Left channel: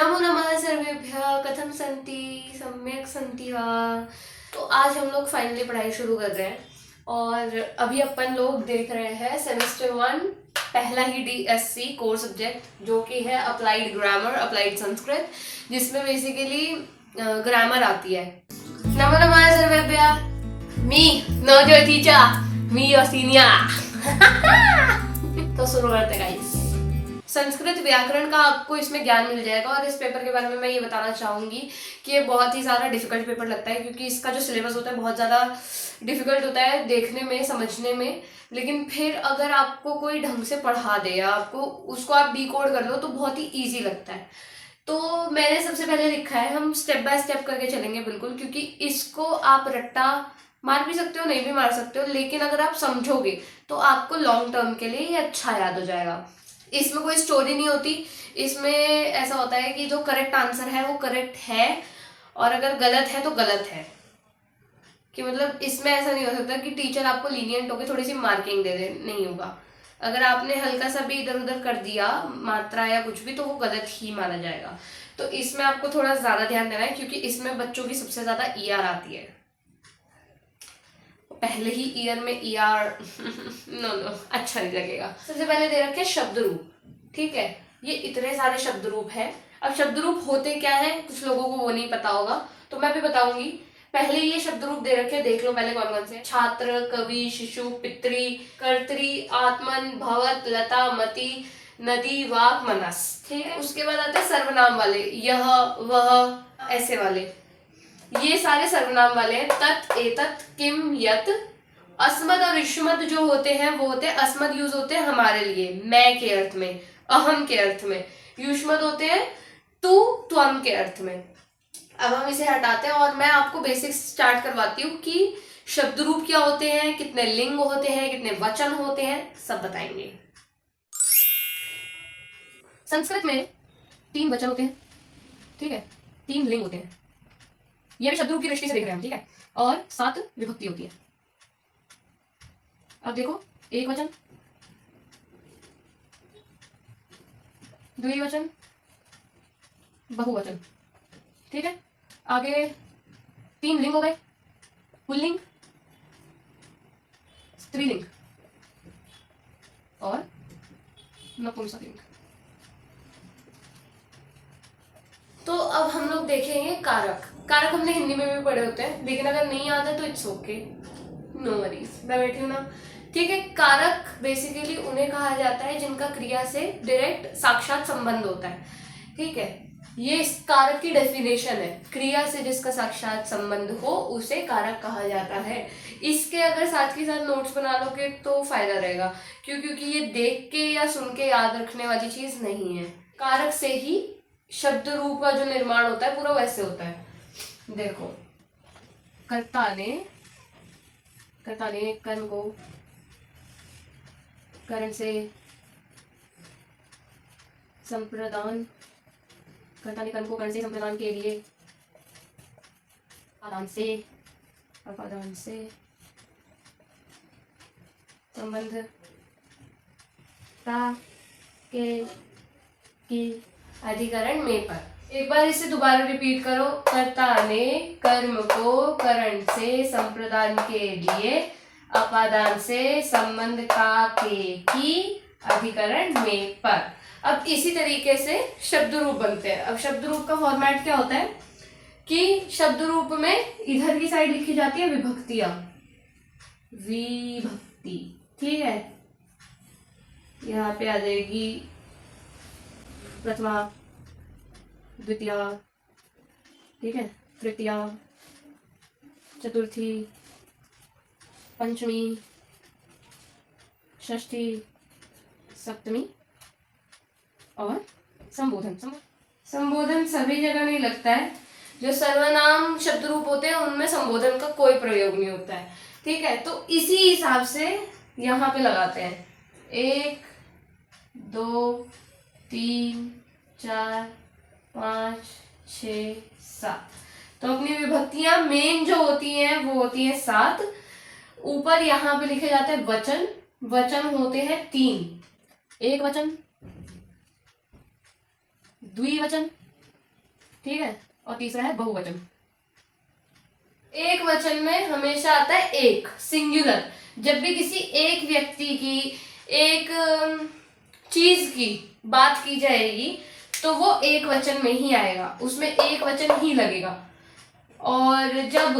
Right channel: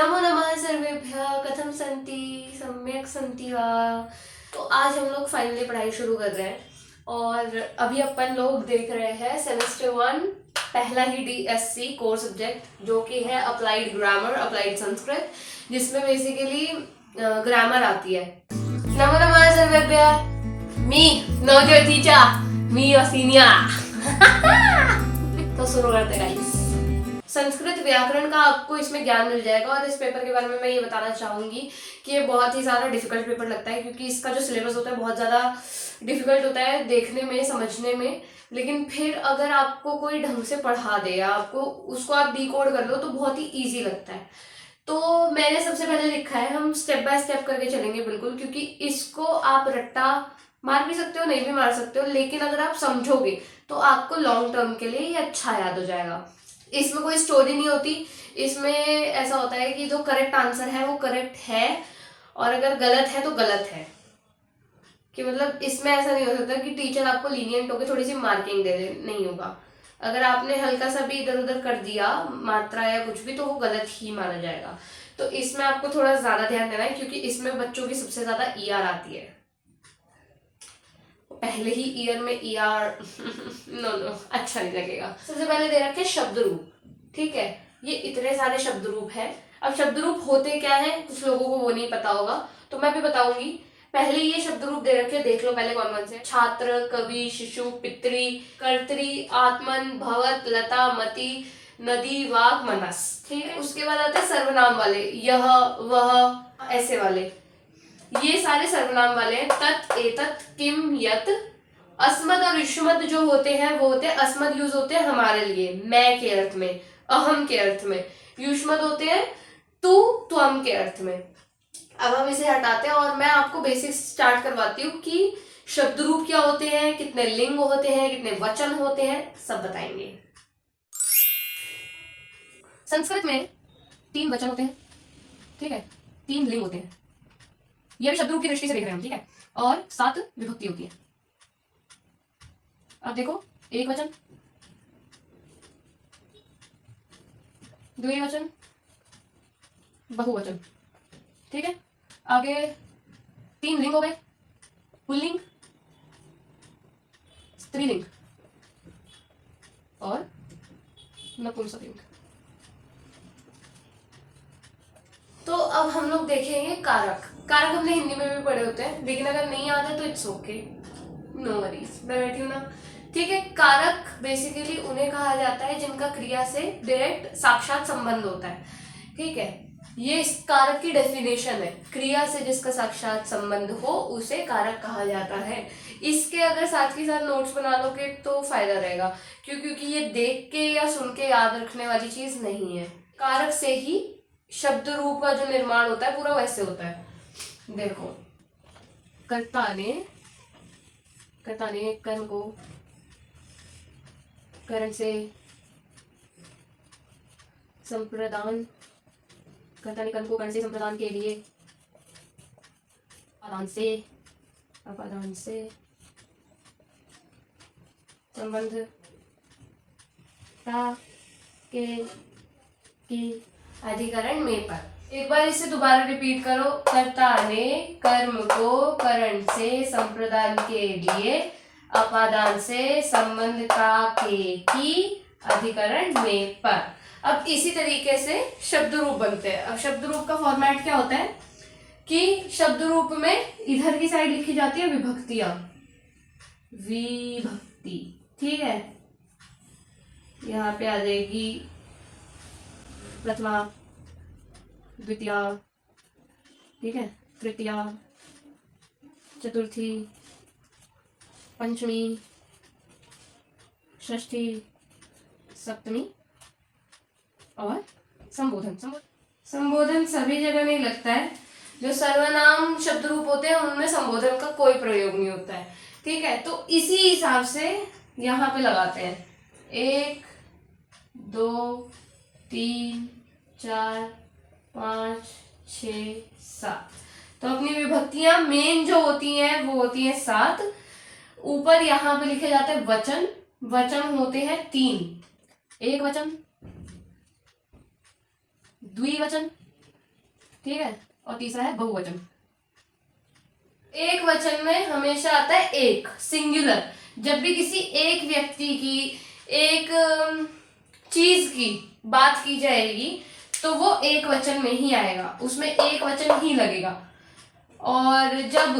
नमो नमः सर्वेभ्यः। कथं सन्ति? सम्यक सन्ति वा? तो आज हम लोग फाइनली पढ़ाई शुरू कर रहे हैं और अभी अपन लोग देख रहे हैं सेमेस्टर 1 पहला ही DSC कोर सब्जेक्ट जो कि है अप्लाइड ग्रामर, अप्लाइड संस्कृत, जिसमें बेसिकली ग्रामर आती है। नमो नमः सर्वेभ्यः। मी नवजोय टीचर, मी योर सीनियर। तो शुरू करते हैं गाइस। संस्कृत व्याकरण का आपको इसमें ज्ञान मिल जाएगा और इस पेपर के बारे में मैं ये बताना चाहूँगी कि ये बहुत ही ज़्यादा डिफिकल्ट पेपर लगता है, क्योंकि इसका जो सिलेबस होता है बहुत ज़्यादा डिफिकल्ट होता है देखने में, समझने में। लेकिन फिर अगर आपको कोई ढंग से पढ़ा दे या आपको उसको आप डिकोड कर लो तो बहुत ही ईजी लगता है। तो मैंने सबसे पहले लिखा है, हम स्टेप बाय स्टेप करके चलेंगे बिल्कुल, क्योंकि इसको आप रट्टा मार भी सकते हो, नहीं भी मार सकते हो, लेकिन अगर आप समझोगे तो आपको लॉन्ग टर्म के लिए ये अच्छा याद हो जाएगा। इसमें कोई स्टोरी नहीं होती। इसमें ऐसा होता है कि जो करेक्ट आंसर है वो करेक्ट है और अगर गलत है तो गलत है। कि मतलब इसमें ऐसा नहीं हो सकता कि टीचर आपको लीनियंट होकर थोड़ी सी मार्किंग दे दे, नहीं होगा। अगर आपने हल्का सा भी इधर उधर कर दिया मात्रा या कुछ भी तो वो गलत ही माना जाएगा। तो इसमें आपको थोड़ा ज्यादा ध्यान देना है, क्योंकि इसमें बच्चों की सबसे ज्यादा ER आती है। पहले ही ईयर में ER नो अच्छा नहीं लगेगा। सबसे पहले दे रखे शब्द रूप, ठीक है। ये इतने सारे शब्द रूप है। अब शब्द रूप होते क्या है कुछ लोगों को वो नहीं पता होगा, तो मैं भी बताऊंगी। पहले ये शब्द रूप दे रखे, देख लो पहले कौन कौन से। छात्र, कवि, शिशु, पितृ, कर्तरी, आत्मन, भवत, लता, मति, नदी, वाक, मनस, ठीक है। उसके बाद आते हैं सर्वनाम वाले, यह, वह, ऐसे वाले। ये सारे सर्वनाम वाले हैं। तत्, एतत्, किम, यत। अस्मद और युष्मद जो होते हैं वो होते हैं, अस्मद यूज होते हैं हमारे लिए, मैं के अर्थ में, अहम के अर्थ में। युष्मद होते हैं तू, त्वम के अर्थ में। अब हम इसे हटाते हैं और मैं आपको बेसिक स्टार्ट करवाती हूँ कि शब्द रूप क्या होते हैं, कितने लिंग होते हैं, कितने वचन होते हैं, सब बताएंगे। संस्कृत में 3 वचन होते हैं, ठीक है, 3 लिंग होते हैं। ये भी शब्द रूप की दृष्टि से देख रहे हैं हम, ठीक है। और 7 विभक्ति होती है। अब देखो, एक वचन, द्विवचन, बहुवचन, ठीक है। आगे 3 लिंग हो गए, पुल्लिंग, स्त्रीलिंग और नपुंसकलिंग। तो अब हम लोग देखेंगे कारक। कारक हमने हिंदी में भी पढ़े होते हैं, लेकिन अगर नहीं आता तो इट्स ओके, नो वरीज, मैं बैठी हूँ ना, ठीक है। कारक बेसिकली उन्हें कहा जाता है जिनका क्रिया से डायरेक्ट साक्षात संबंध होता है, ठीक है। ये इस कारक की डेफिनेशन है, क्रिया से जिसका साक्षात संबंध हो उसे कारक कहा जाता है। इसके अगर साथ के साथ नोट्स बना लोगे तो फायदा रहेगा, क्योंकि ये देख के या सुन के याद रखने वाली चीज नहीं है। कारक से ही शब्द रूप का जो निर्माण होता है पूरा वैसे होता है। देखो, कर्ता ने कर्म को करण से संप्रदान, कर्ता ने कर्म को करण से संप्रदान के लिए अपादान से संबंध के की अधिकरण में पर। एक बार इसे दोबारा रिपीट करो। कर्ता ने कर्म को करण से संप्रदान के लिए अपादान से संबंध का के की अधिकरण में पर। अब इसी तरीके से शब्द रूप बनते हैं। अब शब्द रूप का फॉर्मेट क्या होता है कि शब्द रूप में इधर की साइड लिखी जाती है विभक्तियां, विभक्ति, ठीक है। यहाँ पे आ जाएगी प्रथमा, द्वितीया, ठीक है, तृतीया, चतुर्थी, पंचमी, षष्ठी, सप्तमी और संबोधन। संबोधन सभी जगह नहीं लगता है। जो सर्वनाम शब्द रूप होते हैं उनमें संबोधन का कोई प्रयोग नहीं होता है, ठीक है। तो इसी हिसाब से यहाँ पे लगाते हैं 1 2 3 4 5 6 7। तो अपनी विभक्तियां मेन जो होती हैं वो होती हैं 7। ऊपर यहाँ पे लिखे जाते हैं वचन। वचन होते हैं 3, एक वचन, द्विवचन, ठीक है, और तीसरा है बहुवचन। एक वचन में हमेशा आता है एक, सिंगुलर। जब भी किसी एक व्यक्ति की, एक चीज की बात की जाएगी तो वो एक वचन में ही आएगा, उसमें एक वचन ही लगेगा। और जब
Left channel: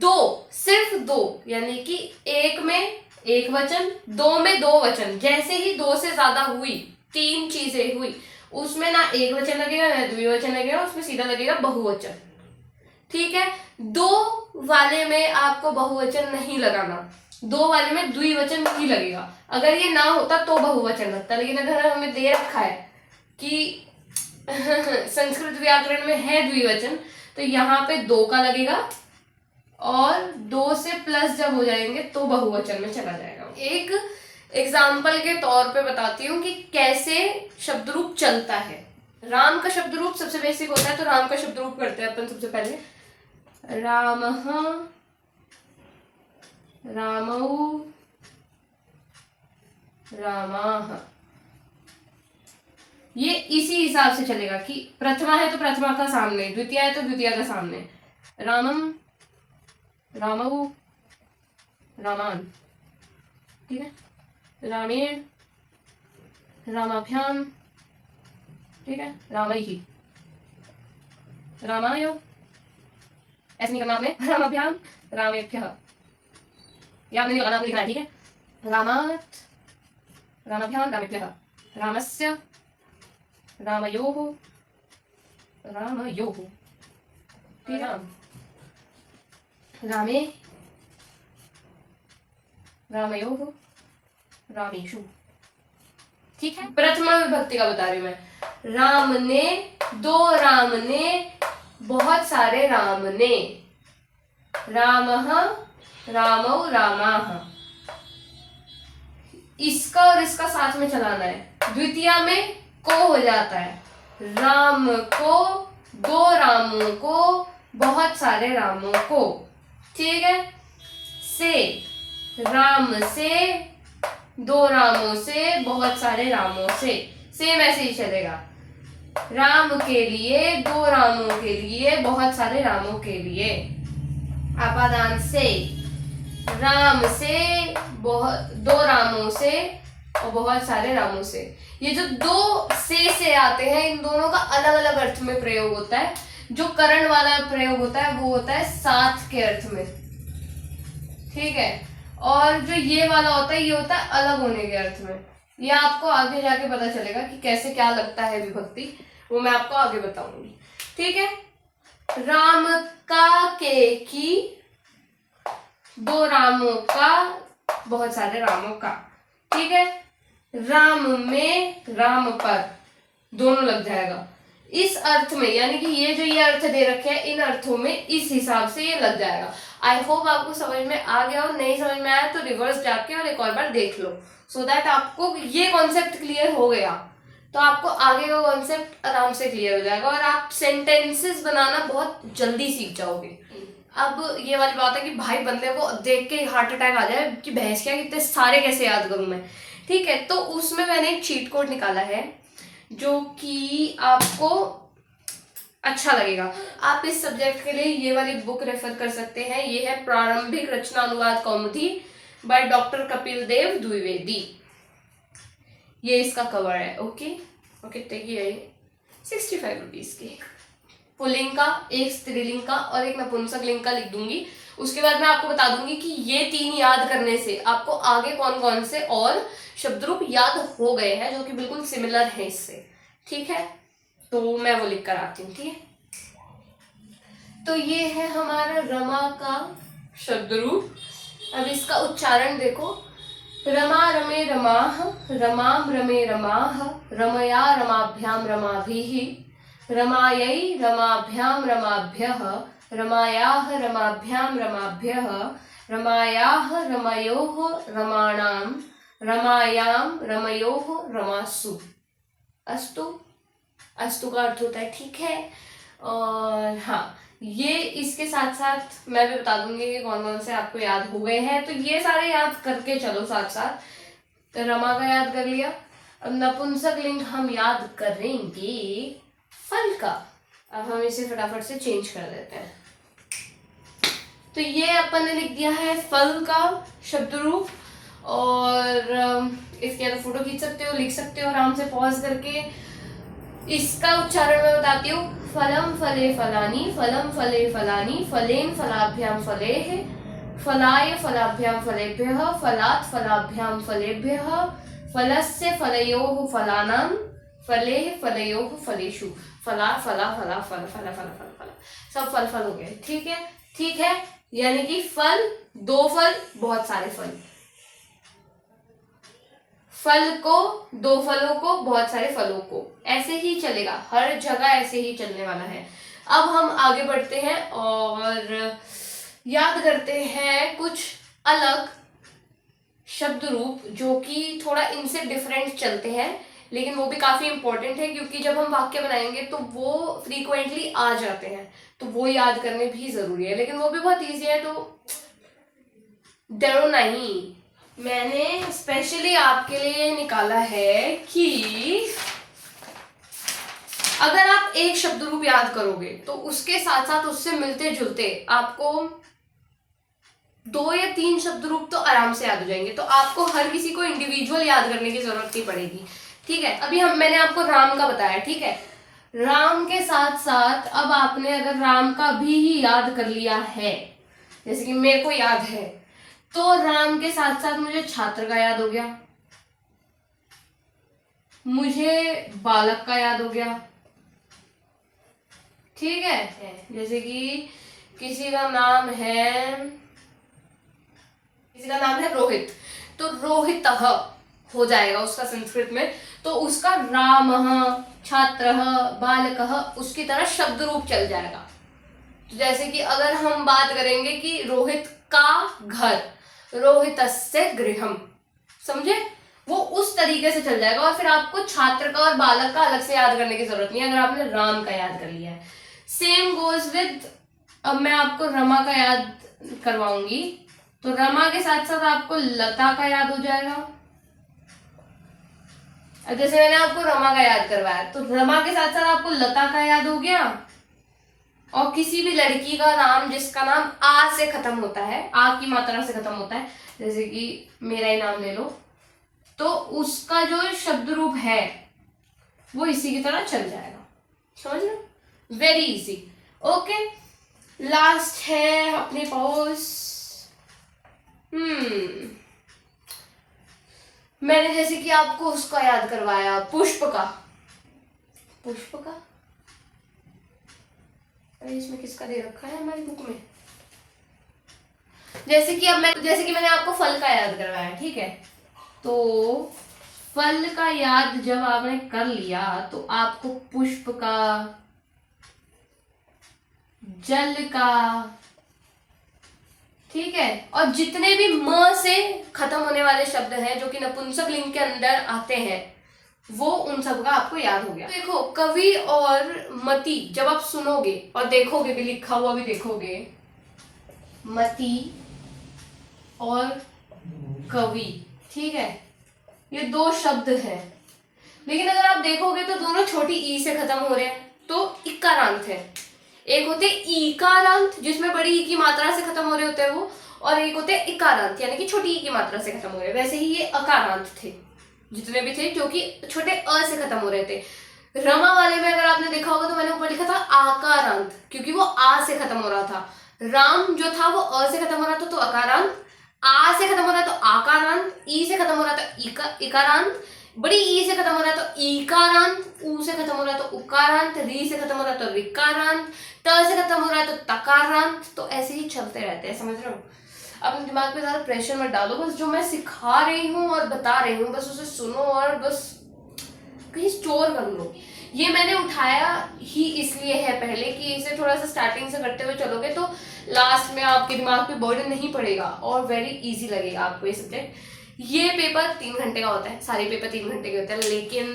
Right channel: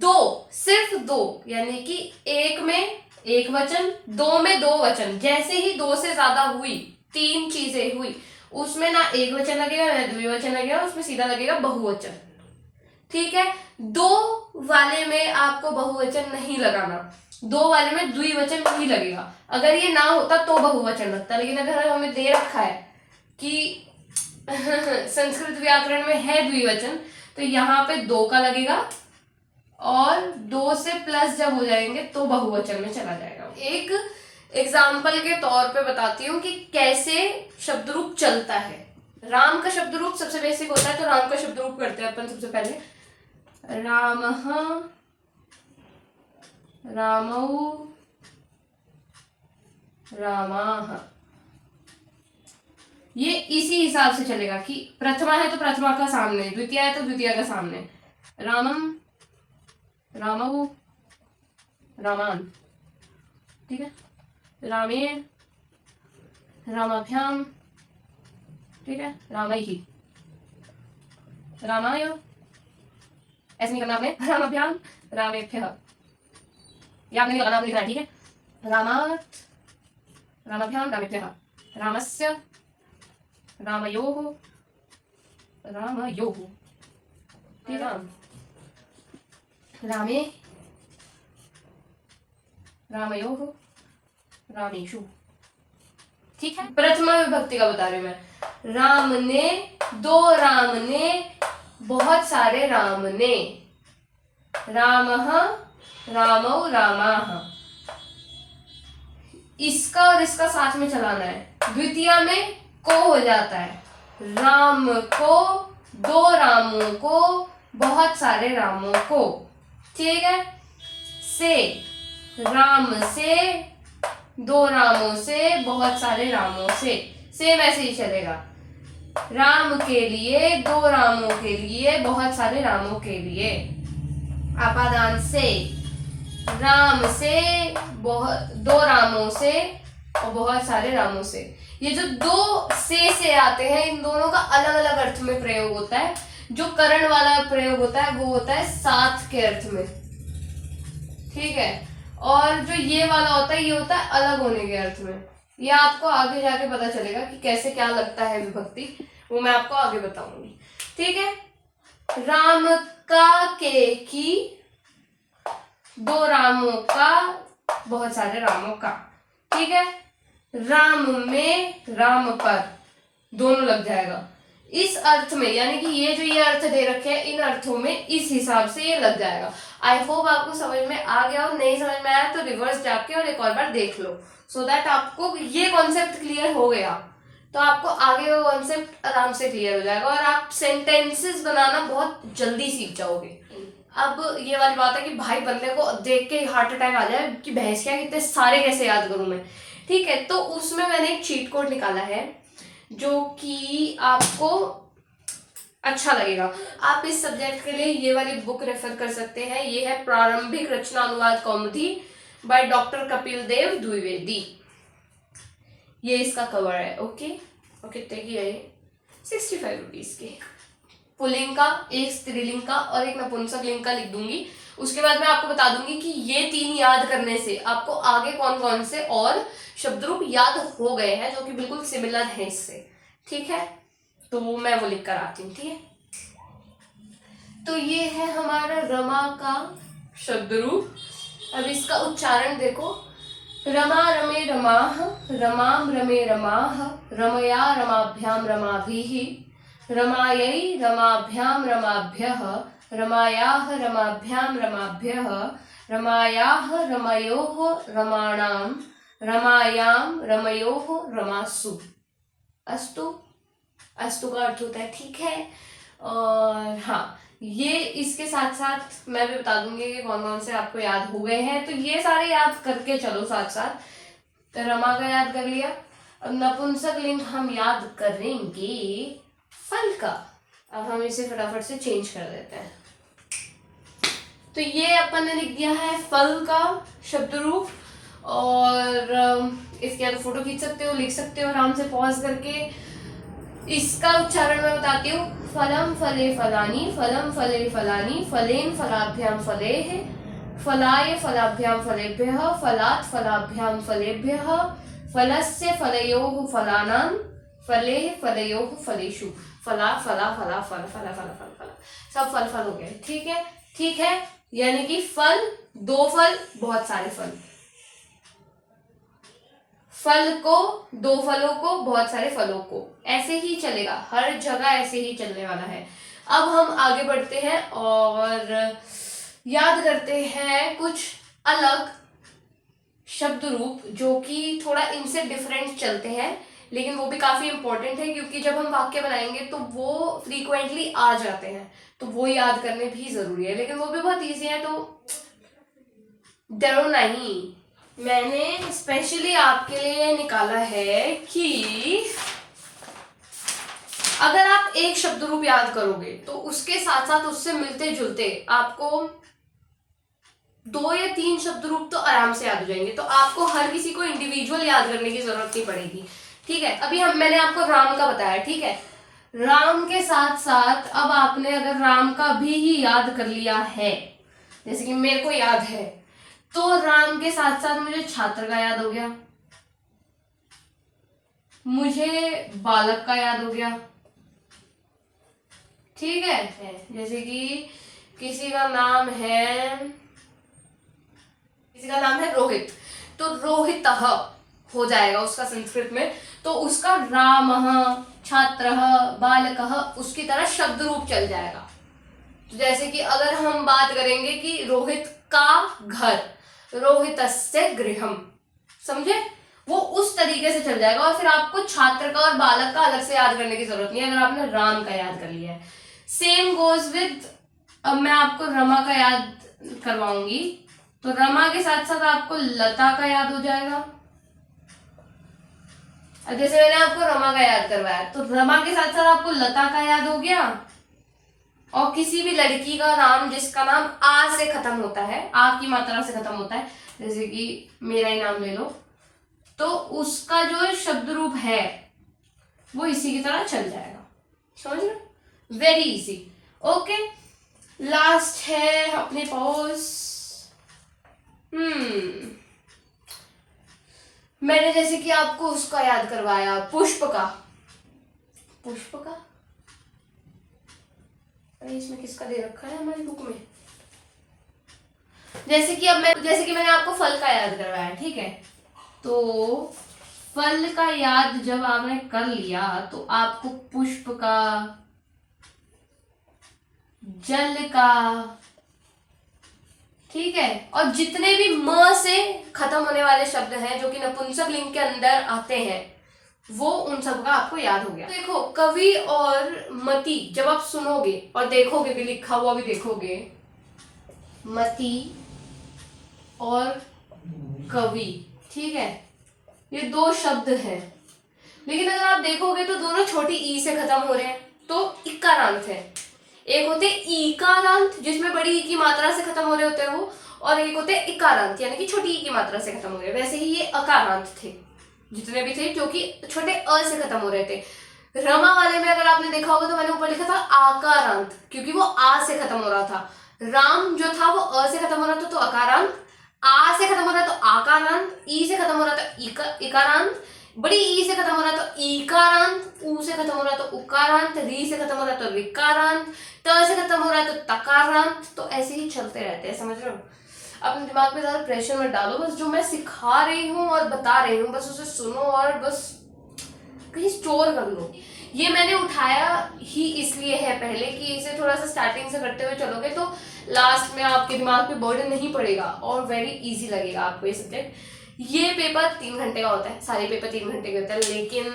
दो, सिर्फ दो, यानी कि एक में एक वचन, दो में दो वचन, जैसे ही दो से ज्यादा हुई, तीन चीजें हुई, उसमें ना एक वचन लगेगा ना द्विवचन लगेगा, उसमें सीधा लगेगा बहुवचन। ठीक है, दो वाले में आपको बहुवचन नहीं लगाना, दो वाले में द्विवचन ही लगेगा। अगर ये ना होता तो बहुवचन लगता, लेकिन अगर हमें दे रखा है कि संस्कृत व्याकरण में है द्विवचन, तो यहाँ पे दो का लगेगा और दो से प्लस जब हो जाएंगे तो बहुवचन में चला जाएगा। एक एग्जाम्पल के तौर पे बताती हूँ कि कैसे शब्द रूप चलता है। राम का शब्द रूप सबसे बेसिक होता है, तो राम का शब्द रूप करते हैं अपन सबसे पहले। रामः, रामौ, रामाः। ये इसी हिसाब से चलेगा कि प्रथमा है तो प्रथमा का सामने, द्वितीय है तो द्वितीय का सामने। रामम, रामौ, रामान। ठीक है, रामेण, रामाभ्याम। ठीक है, रामैहि, रामाय, ऐसे नहीं करना आपने, रामाभ्याम, रामेभ्यः। या आपने नहीं लगाना, आपको लिखना है। ठीक है, रामात्, रामाभ्याम, रामेभ्यः, रामस्य, रामयोः, रामयोः। ठीक है, रामे, रामयोः, रामेषु। ठीक है, प्रथमा विभक्ति का बता रही हूं मैं। राम ने, दो राम ने, बहुत सारे राम ने। रामः, रामौ, रामाः। इसका और इसका साथ में चलाना है। द्वितीया में को हो जाता है, राम को, दो रामों को, बहुत सारे रामों को। ठीक है, से, राम से, दो रामों से, बहुत सारे रामों से। सेम ऐसे ही चलेगा, राम के लिए, दो रामों के लिए, बहुत सारे रामों के लिए। अपादान से, राम से, दो रामों से और बहुत सारे रामों से। ये जो दो से आते हैं, इन दोनों का अलग अलग अर्थ में प्रयोग होता है। जो करण वाला प्रयोग होता है वो होता है साथ के अर्थ में। ठीक है, और जो ये वाला होता है ये होता है अलग होने के अर्थ में। ये आपको आगे जाके पता चलेगा कि कैसे क्या लगता है विभक्ति, वो मैं आपको आगे बताऊंगी। ठीक है, राम का, के की, दो रामों का, बहुत सारे रामों का। ठीक है, राम में, राम पर, दोनों लग जाएगा इस अर्थ में, यानी कि ये जो ये अर्थ दे रखे हैं, इन अर्थों में इस हिसाब से ये लग जाएगा। आई होप आपको समझ में आ गया, और नहीं समझ में आया तो रिवर्स जाके और एक और बार देख लो, सो दैट आपको ये कॉन्सेप्ट क्लियर हो गया, तो आपको आगे वो कॉन्सेप्ट आराम से क्लियर हो जाएगा और आप सेंटेंसेस बनाना बहुत जल्दी सीख जाओगे। अब ये वाली बात है कि भाई बंदे को देख के हार्ट अटैक आ जाए कि भैंस क्या, कितने सारे कैसे याद करूं मैं। ठीक है, तो उसमें मैंने एक चीट कोड निकाला है जो कि आपको अच्छा लगेगा। आप इस सब्जेक्ट के लिए ये वाली बुक रेफर कर सकते हैं। ये है प्रारंभिक रचना अनुवाद कौमुदी बाय डॉक्टर कपिल देव द्विवेदी। ये इसका कवर है। ओके, कितने की है ये? 65 रुपीज की। पुल्लिंग का, एक स्त्रीलिंग का और एक नपुंसक लिंग का लिख दूंगी। उसके बाद मैं आपको बता दूंगी कि ये तीन याद करने से आपको आगे कौन कौन से और शब्द रूप याद हो गए हैं जो कि बिल्कुल सिमिलर है इससे। ठीक है, तो मैं वो लिख कर आती हूँ। ठीक है, तो ये है हमारा रमा का शब्द रूप। अब इसका उच्चारण देखो, रमा रमे रमाः, रमाम रमे रमाः, रमया रमाभ्याम रमाभिः, रमायै रमाभ्याम रमाभ्यः, रमायाः रमाभ्याम रमाभ्यः, रमायाः रमयोः रमाणां, रमायाम रमयोः रमासु। अस्तु, अस्तु का अर्थ होता है ठीक है। और हाँ, ये इसके साथ साथ मैं भी बता दूंगी कि कौन कौन से आपको याद हो गए हैं, तो ये सारे याद करके चलो साथ साथ। तो रमा का याद कर लिया। अब नपुंसक लिंग हम याद करेंगे फल का। अब हम इसे फटाफट से चेंज कर देते हैं। तो ये अपन ने लिख दिया है फल का शब्द रूप, और इसके अंदर फोटो खींच सकते हो, लिख सकते हो आराम से पॉज करके। इसका उच्चारण मैं बताती हूँ। फलम फले फलानी, फलम फले फलानी, फलेन फलाभ्याम फलेः, फलाय फलाभ्याम फलेभ्यः, फलात् फलाभ्याम फलेभ्यः, फलस्य फलयोः फलानां, फलेः फलयोः फलेषु। फला फला फला फल फला फला फल फला, सब फल फल हो गए। ठीक है, ठीक है, यानी कि फल, दो फल, बहुत सारे फल। फल को, दो फलों को, बहुत सारे फलों को, ऐसे ही चलेगा, हर जगह ऐसे ही चलने वाला है। अब हम आगे बढ़ते हैं और याद करते हैं कुछ अलग शब्द रूप जो कि थोड़ा इनसे डिफरेंट चलते हैं, लेकिन वो भी काफी इंपॉर्टेंट है, क्योंकि जब हम वाक्य बनाएंगे तो वो फ्रीक्वेंटली आ जाते हैं, तो वो याद करने भी जरूरी है। लेकिन वो भी बहुत ईजी है, तो डरो नहीं, मैंने स्पेशली आपके लिए निकाला है कि अगर आप एक शब्द रूप याद करोगे तो उसके साथ साथ उससे मिलते जुलते आपको 2 या 3 शब्द रूप तो आराम से याद हो जाएंगे। तो आपको हर किसी को इंडिविजुअल याद करने की जरूरत नहीं पड़ेगी। ठीक है, अभी मैंने आपको राम का बताया। ठीक है, राम के साथ साथ अब आपने अगर राम का भी ही याद कर लिया है, जैसे कि मेरे को याद है, तो राम के साथ साथ मुझे छात्र का याद हो गया, मुझे बालक का याद हो गया। ठीक है, जैसे कि किसी का नाम है रोहित, तो रोहितः हो जाएगा उसका संस्कृत में, तो उसका रामः, छात्रः, बालकः उसकी तरह शब्द रूप चल जाएगा। तो जैसे कि अगर हम बात करेंगे कि रोहित का घर, रोहितस्य गृहम, समझे, वो उस तरीके से चल जाएगा। और फिर आपको छात्र का और बालक का अलग से याद करने की जरूरत नहीं है, अगर आपने राम का याद कर लिया है। सेम गोज विद, अब मैं आपको रमा का याद करवाऊंगी, तो रमा के साथ साथ आपको लता का याद हो जाएगा। अब जैसे मैंने आपको रमा का याद करवाया, तो रमा के साथ साथ आपको लता का याद हो गया। और किसी भी लड़की का नाम जिसका नाम आ से खत्म होता है, आ की मात्रा से खत्म होता है, जैसे कि मेरा ही नाम ले लो, तो उसका जो शब्द रूप है वो इसी की तरह चल जाएगा। समझ रहे? Very easy. ओके, लास्ट है अपने पास। मैंने जैसे कि आपको उसका याद करवाया, पुष्प का। अरे इसमें किसका दे रखा है हमारी बुक में? जैसे कि मैंने आपको फल का याद करवाया। ठीक है, तो फल का याद जब आपने कर लिया तो आपको पुष्प का, जल का, ठीक है, और जितने भी म से खत्म होने वाले शब्द हैं जो कि नपुंसक लिंग के अंदर आते हैं, वो उन सब का आपको याद हो गया। देखो, कवि और मति जब आप सुनोगे और देखोगे भी, लिखा हुआ भी देखोगे, मति और कवि, ठीक है, ये 2 शब्द हैं। लेकिन अगर आप देखोगे तो दोनों छोटी ई से खत्म हो रहे हैं, तो इकारांत है। एक होते ईकारांत जिसमें बड़ी ई की मात्रा से खत्म हो रहे होते हैं वो, और एक होते इकारांत यानी कि छोटी ई की मात्रा से खत्म हो रहे हैं। वैसे ही ये अकारांत थे, जितने भी थे, जो कि छोटे अ से खत्म हो रहे थे। रमा वाले में अगर आपने देखा होगा तो मैंने ऊपर लिखा था आकारांत, क्योंकि वो आ से खत्म हो रहा था। राम जो था वो अ से खत्म हो रहा था तो अकारांत, आ से खत्म हो रहा तो आकारांत, ई से खत्म हो रहा तो इकारांत, बड़ी ई से खत्म हो रहा तो ईकारांत, ऊ से खत्म हो रहा तो उकारांत, री से खत्म हो रहा तो रिकारांत, त से खत्म हो रहा है तो तकारांत। तो ऐसे ही चलते रहते हैं, समझ रहे हो? अपने दिमाग पे ज्यादा प्रेशर मत डालो, बस जो मैं सिखा रही हूँ और बता रही हूँ बस उसे सुनो और बस कहीं स्टोर कर लो। ये मैंने उठाया ही इसलिए है पहले कि इसे थोड़ा सा स्टार्टिंग से करते हुए चलोगे तो लास्ट में आपके दिमाग पे बर्डन नहीं पड़ेगा और वेरी इजी लगेगा आपको ये सब्जेक्ट। ये पेपर 3 घंटे का होता है, सारे पेपर 3 घंटे के होते हैं, लेकिन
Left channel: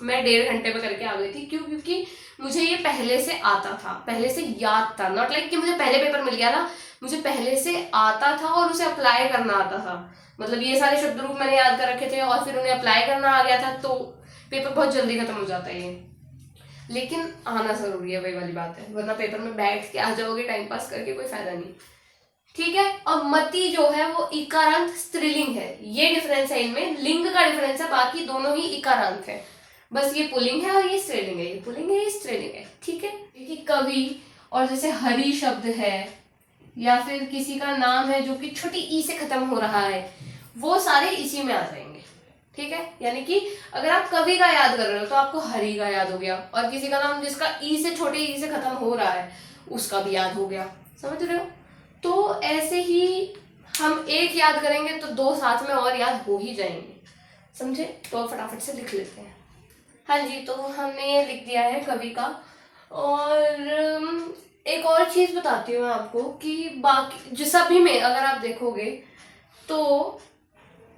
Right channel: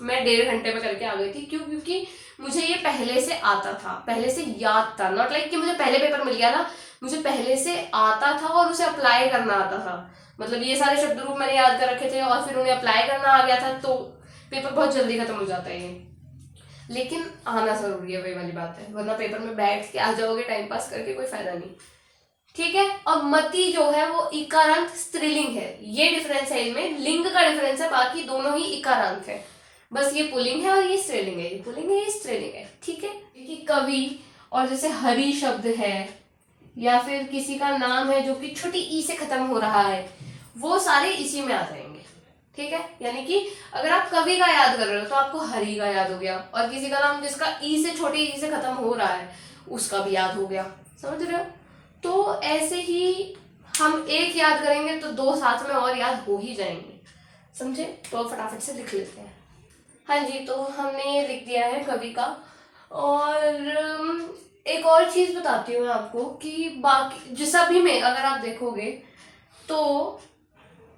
मैं 1.5 घंटे में करके आ गई थी। क्यों? क्योंकि मुझे ये पहले से आता था, पहले से याद था। नॉट लाइक कि मुझे पहले पेपर मिल गया था, मुझे पहले से आता था और उसे अप्लाई करना आता था। मतलब ये सारे शब्द रूप मैंने याद कर रखे थे और फिर उन्हें अप्लाई करना आ गया था, तो पेपर बहुत जल्दी खत्म हो जाता है ये। लेकिन आना जरूरी है, वही वाली बात है, वरना पेपर में बैठ के आ जाओगे टाइम पास करके, कोई फायदा नहीं। ठीक है। और मति जो है वो इकारांत स्त्रीलिंग है, ये डिफरेंस है इनमें, लिंग का डिफरेंस है, बाकी दोनों ही इकारांत है, बस ये पुल्लिंग है और ये स्त्रीलिंग है, ये पुल्लिंग है ये स्त्रीलिंग है। ठीक है। देखिए कवि और जैसे हरि शब्द है या फिर किसी का नाम है जो कि छोटी ई से खत्म हो रहा है, वो सारे इसी में आ जाएंगे। ठीक है। यानी कि अगर आप कवि का याद कर रहे हो तो आपको हरि का याद हो गया, और किसी का नाम जिसका ई से छोटे ई से खत्म हो रहा है उसका भी याद हो गया। समझ रहे हो? तो ऐसे ही हम एक याद करेंगे तो दो साथ में और याद हो ही जाएंगे। समझे? तो फटाफट से लिख लेते हैं। हाँ जी, तो हमने ये लिख दिया है कवि का। और एक और चीज बताती हूँ मैं आपको कि बाकी जो सभी में अगर आप देखोगे तो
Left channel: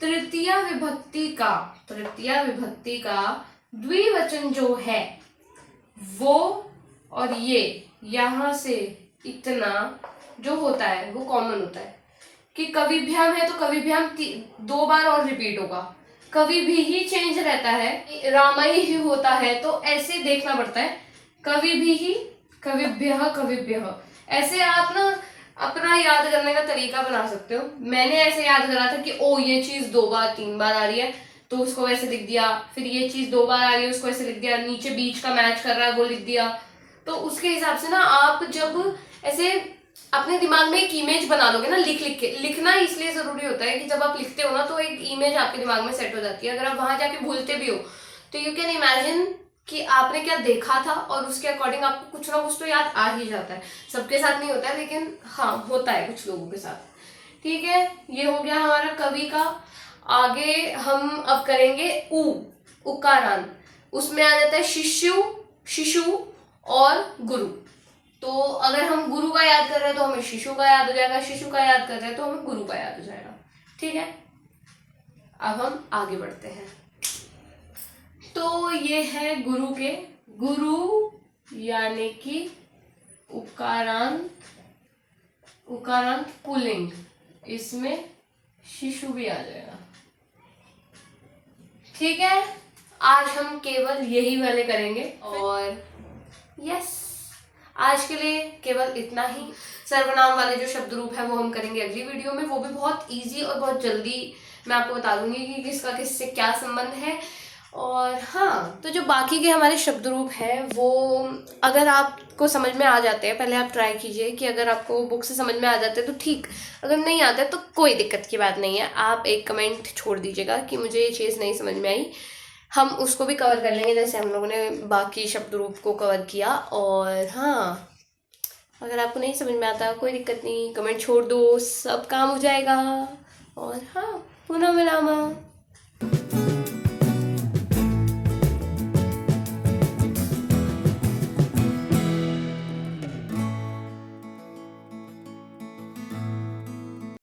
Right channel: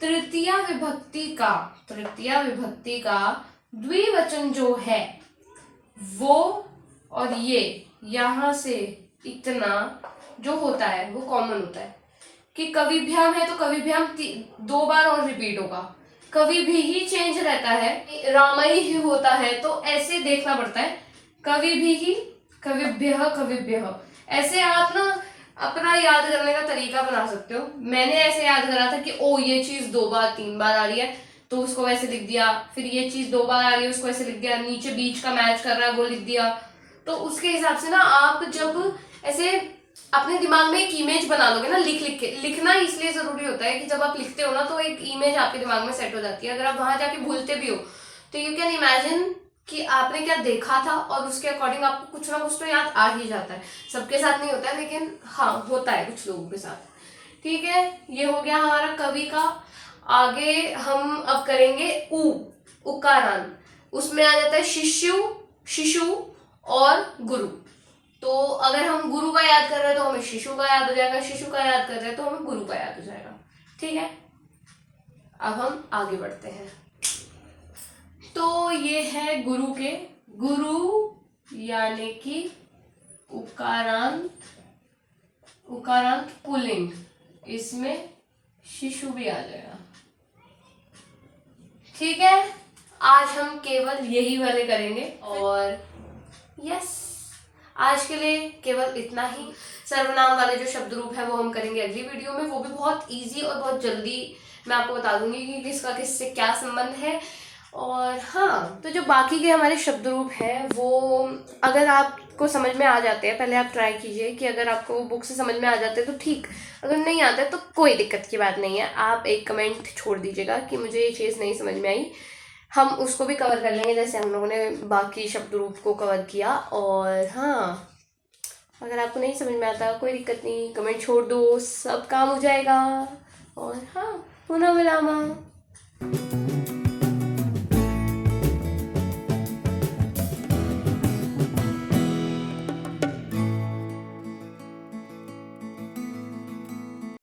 तृतीया विभक्ति का द्विवचन जो है वो और ये यहां से इतना जो होता है वो कॉमन होता है कि कविभ्याम है तो कविभ्याम 2 बार और रिपीट होगा, कवि भी ही चेंज रहता है, रामाई ही होता है, तो ऐसे देखना पड़ता है, कवि भी ही, कविभ्यः, ऐसे आप ना अपना याद करने का तरीका बना सकते हो। मैंने ऐसे याद करा था कि ओ ये चीज 2 बार 3 बार आ रही है तो उसको वैसे लिख दिया, फिर ये चीज 2 बार आ रही है उसको ऐसे लिख दिया, नीचे बीच का मैच कर रहा है वो लिख दिया। तो उसके हिसाब से ना आप जब ऐसे अपने दिमाग में एक इमेज बना लोगे ना, लिख लिख के, लिखना इसलिए जरूरी होता है कि जब आप लिखते हो ना तो एक इमेज आपके दिमाग में सेट हो जाती है। अगर आप वहां जाके भूलते भी हो तो यू कैन इमेजिन कि आपने क्या देखा था और उसके अकॉर्डिंग आपको कुछ ना कुछ तो याद आ ही जाता है। सबके साथ नहीं होता है लेकिन हाँ होता है कुछ लोगों के साथ। ठीक है, ये हो गया हमारा कवि का। आगे हम अब करेंगे उकारांत। उसमें आ जाता है शिशु और गुरु। तो अगर हम गुरु का याद कर रहे हैं तो हमें शिशु का याद हो जाएगा, शिशु का याद कर रहे हैं तो हमें गुरु का याद हो जाएगा। ठीक है, अब हम आगे बढ़ते हैं। तो ये है गुरु यानी कि उकारांत पुल्लिंग, इसमें शिशु भी आ जाएगा। ठीक है, आज हम केवल यही वाले करेंगे और यस आज के लिए केवल इतना ही। सर्वनाम वाले जो शब्द रूप है वो हम करेंगे अगली वीडियो में, वो भी बहुत इजी और बहुत जल्दी मैं आपको बता दूंगी कि किसका किससे क्या संबंध है। और हाँ, तो जो बाकी के हमारे शब्द रूप हैं वो अगर आपको समझ में आ जाते हैं, पहले आप ट्राई कीजिए कि अगर आपको बुक से समझ में आ जाते हैं तो ठीक, अगर नहीं आता है तो कोई दिक्कत की बात नहीं है, आप एक कमेंट छोड़ दीजिएगा कि मुझे ये चीज़ नहीं समझ में आई, हम उसको भी कवर कर लेंगे जैसे हम लोगों ने बाकी शब्द रूप को कवर किया। और हाँ, अगर आपको नहीं समझ में आता कोई दिक्कत नहीं, कमेंट छोड़ दो, सब काम हो जाएगा। और हाँ, पुनः मिलामा।